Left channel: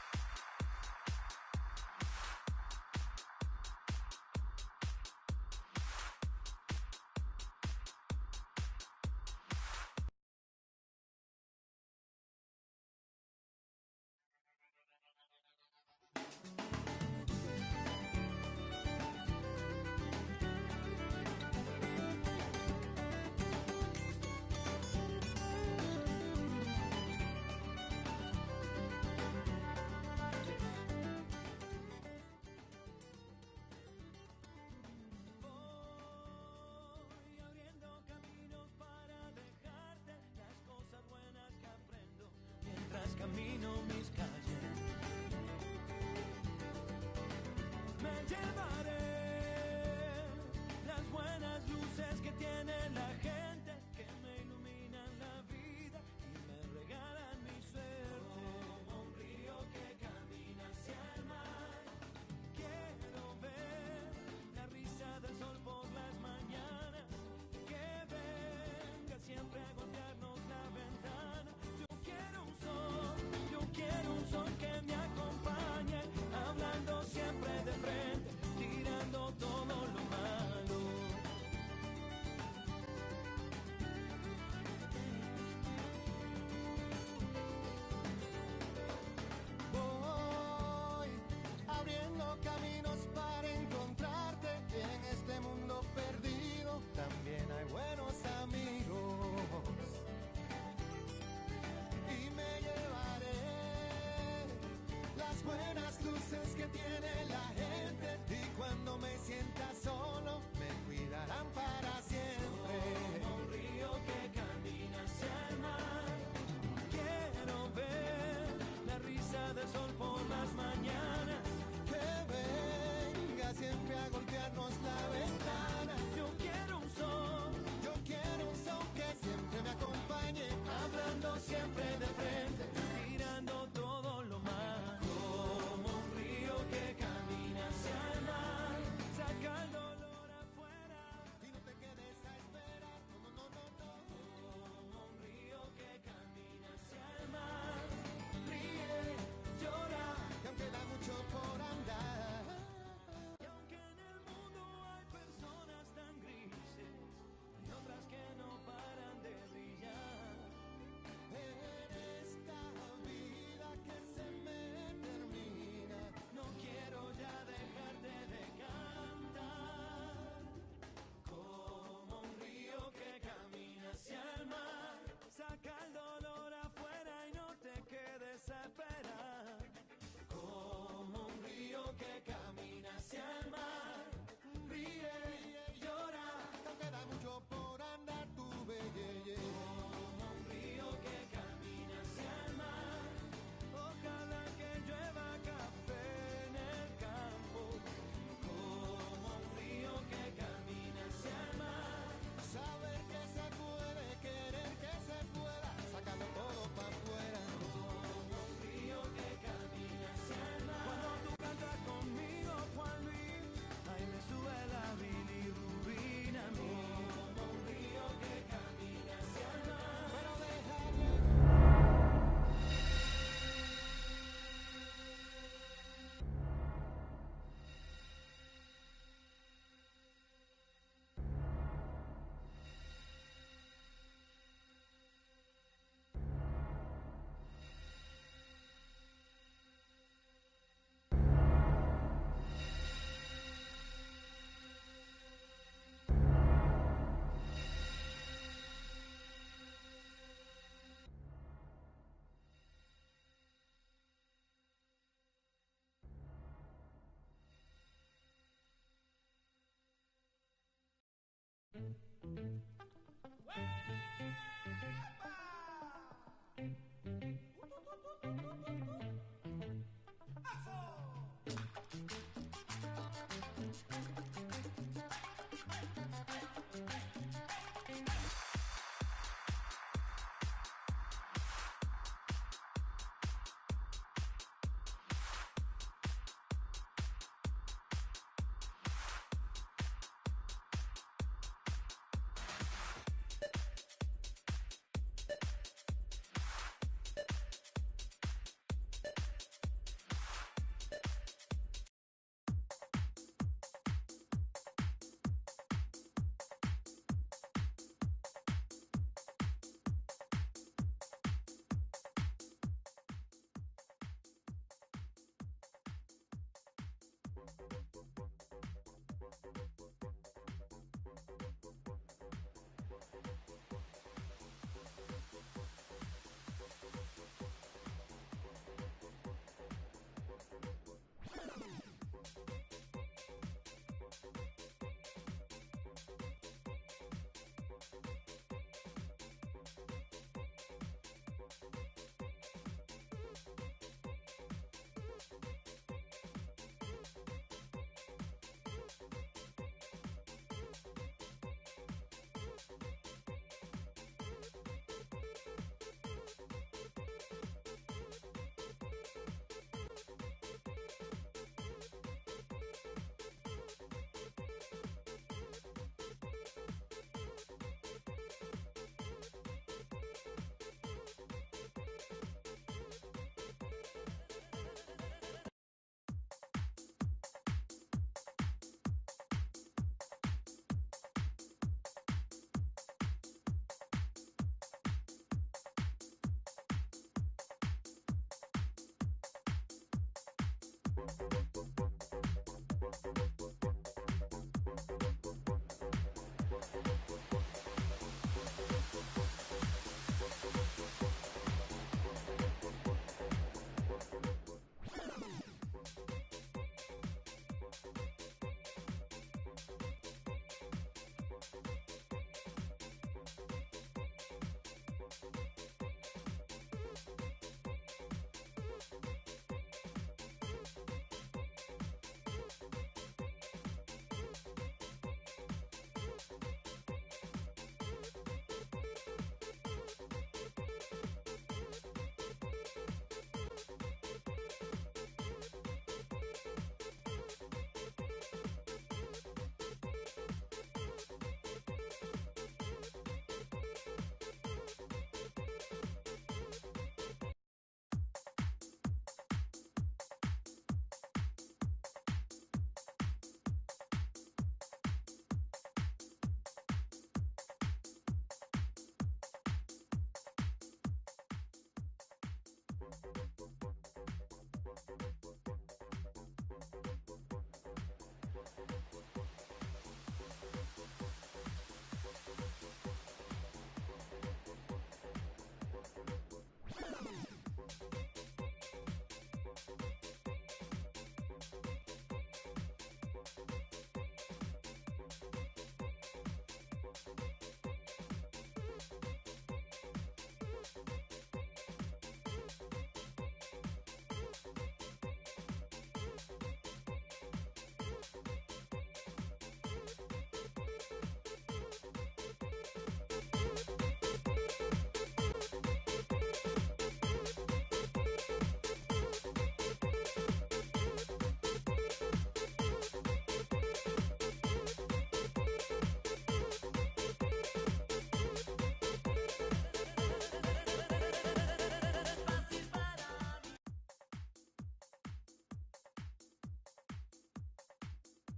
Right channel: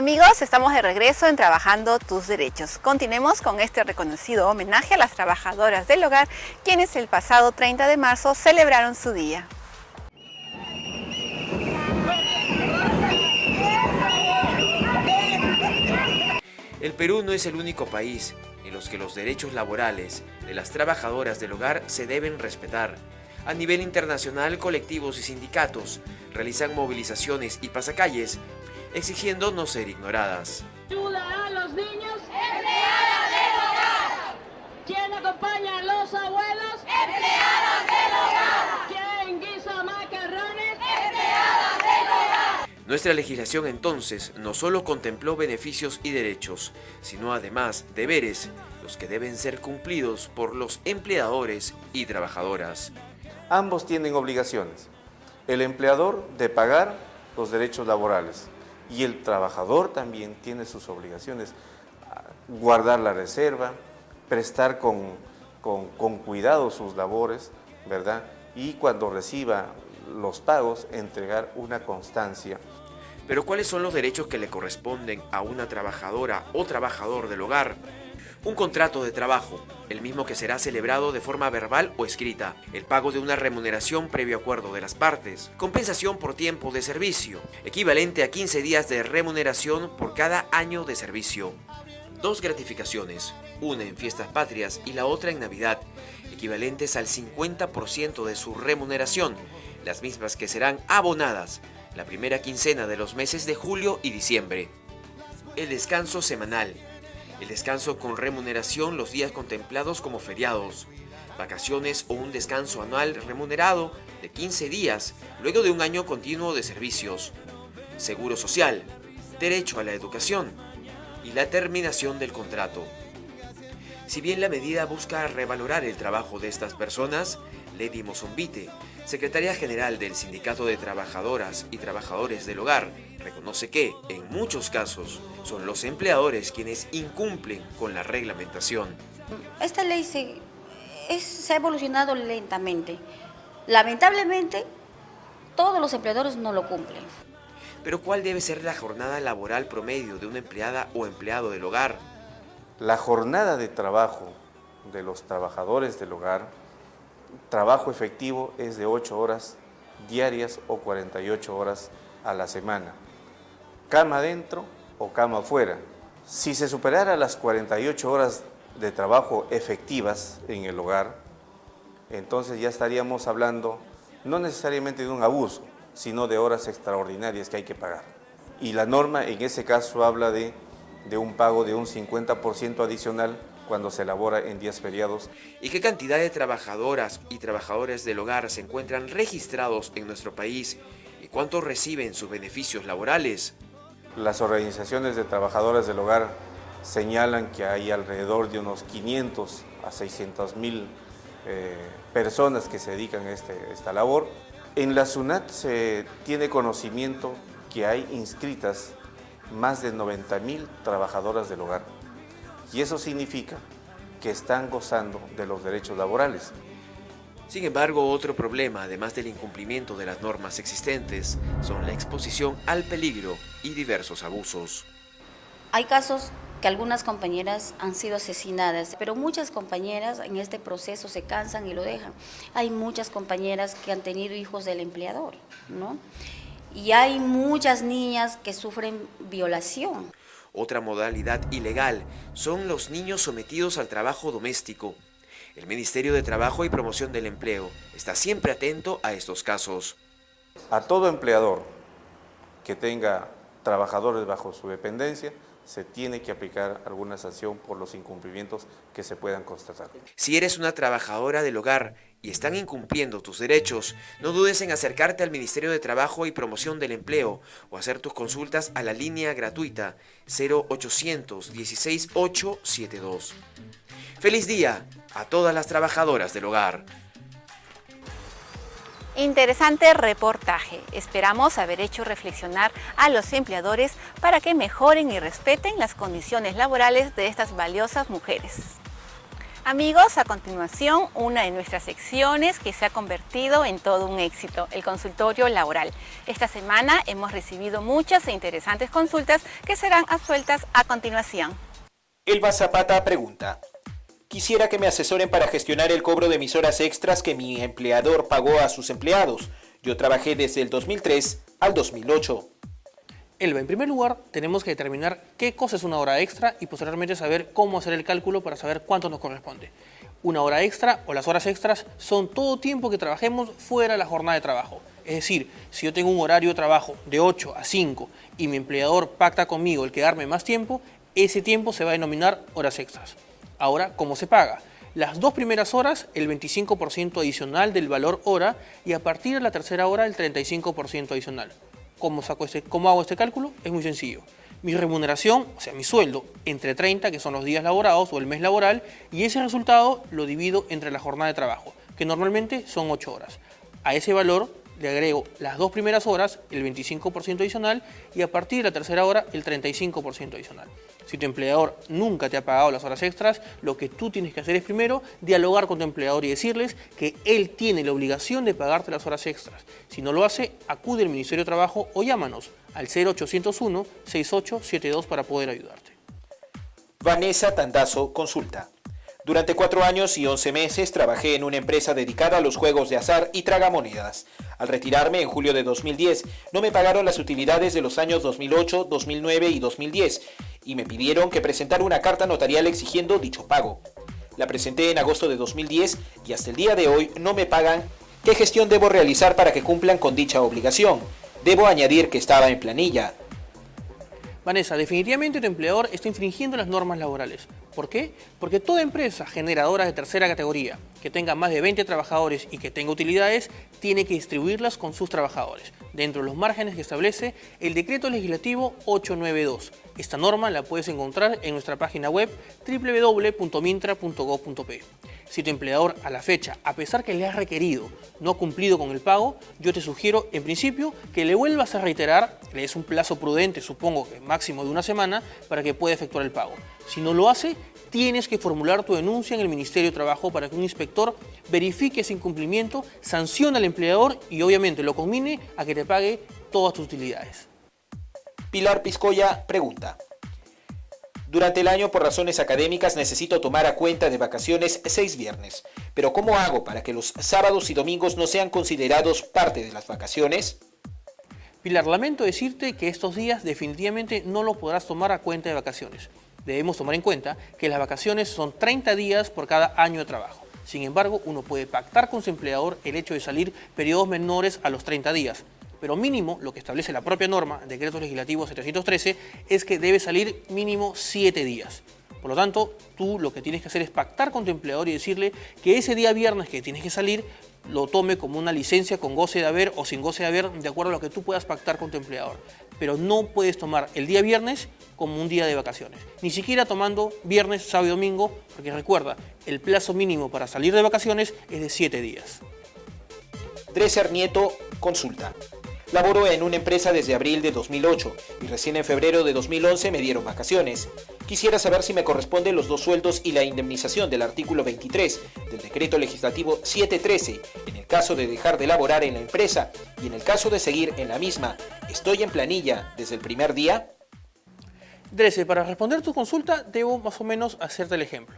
Amigos, estamos de regreso en Trabajando tus Derechos. Continuemos con este reconocido homenaje a las trabajadoras del hogar, quienes el pasado 30 de marzo celebraron su día. El Perú no es el único país en los que los derechos laborales de las trabajadoras del hogar se deben respetar. A nivel internacional, colectivos y sindicatos realizan movilizaciones y pasacalles exigiendo no ser ignoradas. Ayuda a los niños, empleadas del hogar. ¿Quién acompaña a los abuelos? Empleadas del hogar. ¿Quién guisa macarrones? Empleadas del hogar. Nuestra legislación entonces no solo contempló beneficios y derechos, sino además deberes, los que deben ser cumplidos por los empleadores y trabajadoras. Ambos tienen obligaciones. El empleador de pagar los derechos laborales y el trabajador también tiene sus obligaciones. Guardar la reserva, prestar con cuidado sus labores, ¿verdad? Y cuando reciba los pagos, entregar una constancia. Pero ¿cuáles son los derechos que le corresponden a una trabajadora o trabajador del hogar? Un contrato de trabajo, el mismo que será celebrado de forma verbal o escrita, el pago de una remuneración previo acuerdo de las partes, compensación por tiempo de servicio, equivalente a 15 días de remuneración por cada año de servicio. 2 gratificaciones, una en fiestas patrias y la otra en Navidad, equivalentes al 50% de su remuneración, las mismas que serán abonadas la primera quincena de los meses de julio y diciembre. El descanso semanal. El descanso con remuneración los días contemplados como feriados, vacaciones o un descanso anual remunerado de 15 días luego de un año continuo de servicios, seguro social, derecho a la educación y la terminación del contrato. Si bien la medida busca revalorar el trabajo de estas personas, Lady Mozombite, secretaria general del Sindicato de Trabajadoras y Trabajadores del Hogar, reconoce que, en muchos casos, son los empleadores quienes incumplen con la reglamentación. Esta ley se ha evolucionado lentamente. Lamentablemente, todos los empleadores no lo cumplen. Pero ¿cuál debe ser la jornada laboral promedio de una empleada o empleado del hogar? La jornada de trabajo de los trabajadores del hogar, trabajo efectivo, es de 8 horas diarias o 48 horas a la semana. Cama adentro o cama afuera. Si se superara las 48 horas de trabajo efectivas en el hogar, entonces ya estaríamos hablando no necesariamente de un abuso, sino de horas extraordinarias que hay que pagar. Y la norma en ese caso habla de un pago de un 50% adicional cuando se elabora en días feriados. ¿Y qué cantidad de trabajadoras y trabajadores del hogar se encuentran registrados en nuestro país? ¿Y cuántos reciben sus beneficios laborales? Las organizaciones de trabajadoras del hogar señalan que hay alrededor de unos 500 a 600.000 personas que se dedican a esta labor. En la SUNAT se tiene conocimiento que hay inscritas más de 90.000 trabajadoras del hogar. Y eso significa que están gozando de los derechos laborales. Sin embargo, otro problema, además del incumplimiento de las normas existentes, son la exposición al peligro y diversos abusos. Hay casos que algunas compañeras han sido asesinadas, pero muchas compañeras en este proceso se cansan y lo dejan. Hay muchas compañeras que han tenido hijos del empleador, ¿no? Y hay muchas niñas que sufren violación. Otra modalidad ilegal son los niños sometidos al trabajo doméstico. El Ministerio de Trabajo y Promoción del Empleo está siempre atento a estos casos. A todo empleador que tenga trabajadores bajo su dependencia, se tiene que aplicar alguna sanción por los incumplimientos que se puedan constatar. Si eres una trabajadora del hogar y están incumpliendo tus derechos, no dudes en acercarte al Ministerio de Trabajo y Promoción del Empleo o hacer tus consultas a la línea gratuita 0800 16 872. ¡Feliz día a todas las trabajadoras del hogar! Interesante reportaje. Esperamos haber hecho reflexionar a los empleadores para que mejoren y respeten las condiciones laborales de estas valiosas mujeres. Amigos, a continuación, una de nuestras secciones que se ha convertido en todo un éxito, el consultorio laboral. Esta semana hemos recibido muchas e interesantes consultas que serán absueltas a continuación. Elba Zapata pregunta: quisiera que me asesoren para gestionar el cobro de mis horas extras que mi empleador pagó a sus empleados. Yo trabajé desde el 2003 al 2008. Elba, en primer lugar, tenemos que determinar qué cosa es una hora extra y posteriormente saber cómo hacer el cálculo para saber cuánto nos corresponde. Una hora extra o las horas extras son todo tiempo que trabajemos fuera de la jornada de trabajo. Es decir, si yo tengo un horario de trabajo de 8 a 5 y mi empleador pacta conmigo el quedarme más tiempo, ese tiempo se va a denominar horas extras. Ahora, ¿cómo se paga? Las 2 primeras horas, el 25% adicional del valor hora, y a partir de la tercera hora, el 35% adicional. ¿Cómo hago este cálculo? Es muy sencillo. Mi remuneración, o sea, mi sueldo, entre 30, que son los días laborados o el mes laboral, y ese resultado lo divido entre la jornada de trabajo, que normalmente son 8 horas. A ese valor le agrego las 2 primeras horas, el 25% adicional, y a partir de la tercera hora, el 35% adicional. Si tu empleador nunca te ha pagado las horas extras, lo que tú tienes que hacer es primero dialogar con tu empleador y decirles que él tiene la obligación de pagarte las horas extras. Si no lo hace, acude al Ministerio de Trabajo o llámanos al 0801-6872 para poder ayudarte. Vanessa Tandazo consulta: durante 4 años y 11 meses trabajé en una empresa dedicada a los juegos de azar y tragamonedas. Al retirarme en julio de 2010, no me pagaron las utilidades de los años 2008, 2009 y 2010 y me pidieron que presentara una carta notarial exigiendo dicho pago. La presenté en agosto de 2010 y hasta el día de hoy no me pagan. ¿Qué gestión debo realizar para que cumplan con dicha obligación? Debo añadir que estaba en planilla. Vanessa, definitivamente tu empleador está infringiendo las normas laborales. ¿Por qué? Porque toda empresa generadora de tercera categoría que tenga más de 20 trabajadores y que tenga utilidades tiene que distribuirlas con sus trabajadores, dentro de los márgenes que establece el Decreto Legislativo 892. Esta norma la puedes encontrar en nuestra página web www.mintra.gov.pe. Si tu empleador a la fecha, a pesar que le has requerido, no ha cumplido con el pago, yo te sugiero en principio que le vuelvas a reiterar, le des un plazo prudente, supongo que máximo de una semana, para que pueda efectuar el pago. Si no lo hace, tienes que formular tu denuncia en el Ministerio de Trabajo para que un inspector verifique ese incumplimiento, sancione al empleador y obviamente lo conmine a que te pague todas tus utilidades. Pilar Piscoya pregunta: durante el año, por razones académicas, necesito tomar a cuenta de vacaciones 6 viernes. Pero ¿cómo hago para que los sábados y domingos no sean considerados parte de las vacaciones? Pilar, lamento decirte que estos días definitivamente no lo podrás tomar a cuenta de vacaciones. Debemos tomar en cuenta que las vacaciones son 30 días por cada año de trabajo. Sin embargo, uno puede pactar con su empleador el hecho de salir periodos menores a los 30 días. Pero mínimo, lo que establece la propia norma, Decreto Legislativo 713, es que debe salir mínimo 7 días. Por lo tanto, tú lo que tienes que hacer es pactar con tu empleador y decirle que ese día viernes que tienes que salir, lo tome como una licencia con goce de haber o sin goce de haber, de acuerdo a lo que tú puedas pactar con tu empleador. Pero no puedes tomar el día viernes como un día de vacaciones. Ni siquiera tomando viernes, sábado y domingo, porque recuerda, el plazo mínimo para salir de vacaciones es de 7 días. Dresser Nieto consulta: laboro en una empresa desde abril de 2008 y recién en febrero de 2011 me dieron vacaciones. Quisiera saber si me corresponden los 2 sueldos y la indemnización del artículo 23 del Decreto Legislativo 713 en el caso de dejar de laborar en la empresa y en el caso de seguir en la misma. ¿Estoy en planilla desde el primer día? Dresser, para responder tu consulta debo más o menos hacerte el ejemplo.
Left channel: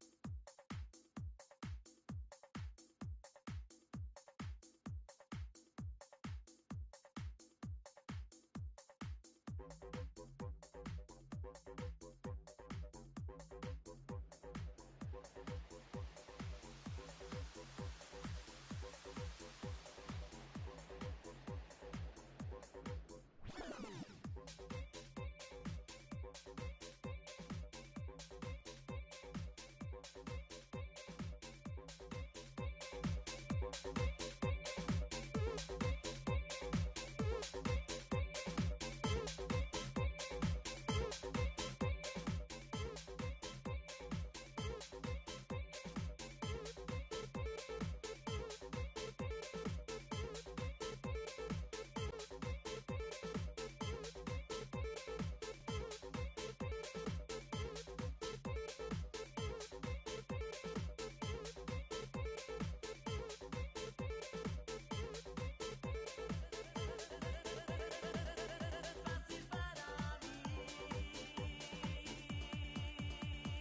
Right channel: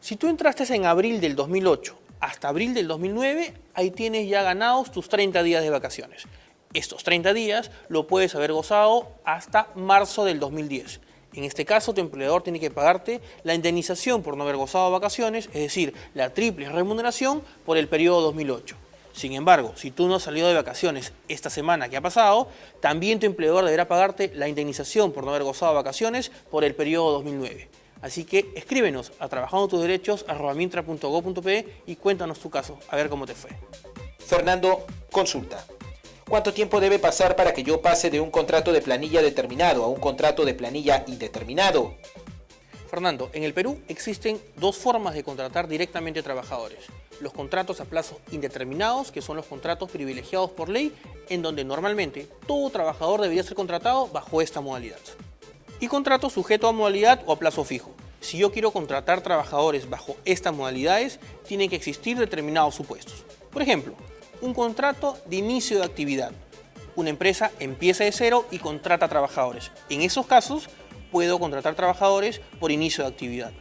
Si tú entraste en abril del 2008 hasta abril del 2009, ahí tienes ya ganados tus 30 días de vacaciones. Estos 30 días lo puedes haber gozado hasta marzo del 2010. En este caso, tu empleador tiene que pagarte la indemnización por no haber gozado vacaciones, es decir, la triple remuneración por el periodo 2008. Sin embargo, si tú no has salido de vacaciones esta semana que ha pasado, también tu empleador deberá pagarte la indemnización por no haber gozado vacaciones por el periodo 2009. Así que escríbenos a trabajandotusderechos@mintra.gov.pe y cuéntanos tu caso, a ver cómo te fue. Fernando consulta: ¿cuánto tiempo debe pasar para que yo pase de un contrato de planilla determinado a un contrato de planilla indeterminado? Fernando, en el Perú existen 2 formas de contratar directamente a trabajadores. Los contratos a plazo indeterminados, que son los contratos privilegiados por ley, en donde normalmente todo trabajador debería ser contratado bajo esta modalidad. Y contrato sujeto a modalidad o a plazo fijo. Si yo quiero contratar trabajadores bajo estas modalidades, tienen que existir determinados supuestos. Por ejemplo, un contrato de inicio de actividad. Una empresa empieza de cero y contrata trabajadores. En esos casos, puedo contratar trabajadores por inicio de actividad.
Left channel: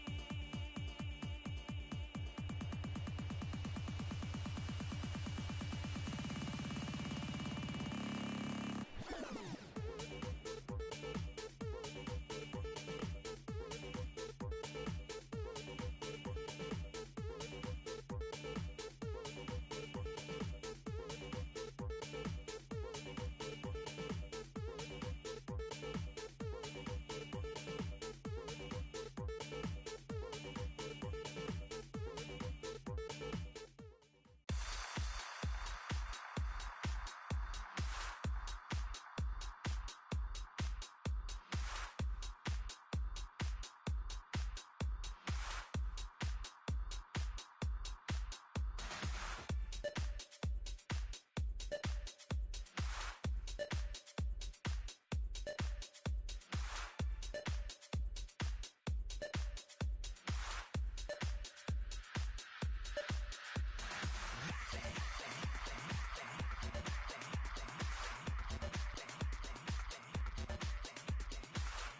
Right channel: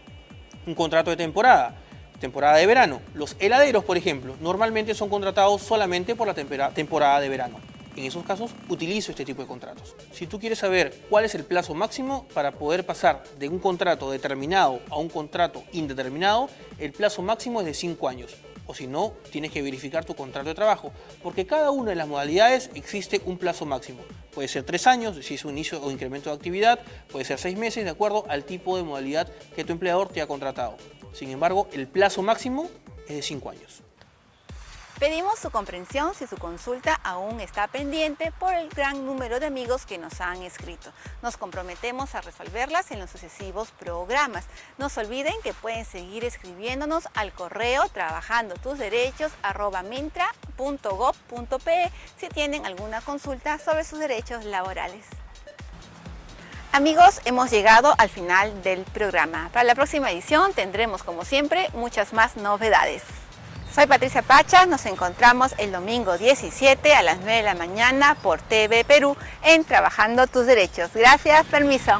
Un contrato de temporada de verano. Los heladeros, por ejemplo, normalmente son contratados solamente por la temporada de verano. En esos casos, utilizo este tipo de contratos. Si tú quieres saber cuál es el plazo máximo para poder pasar de un contrato determinado a un contrato indeterminado, el plazo máximo es de 5 años. O si no, tienes que verificar tu contrato de trabajo, porque cada una de las modalidades existe un plazo máximo. Puede ser 3 años, si es un inicio o incremento de actividad, puede ser 6 meses, de acuerdo al tipo de modalidad que tu empleador te ha contratado. Sin embargo, el plazo máximo es de 5 años. Pedimos su comprensión si su consulta aún está pendiente por el gran número de amigos que nos han escrito. Nos comprometemos a resolverlas en los sucesivos programas. No se olviden que pueden seguir escribiéndonos al correo trabajandotusderechos@mintra.gov.pe si tienen alguna consulta sobre sus derechos laborales. Amigos, hemos llegado al final del programa. Para la próxima edición tendremos, como siempre, muchas más novedades. Soy Patricia Pacha, nos encontramos el domingo 17 a las 9 de la mañana por TV Perú en Trabajando tus Derechos. Gracias, permiso.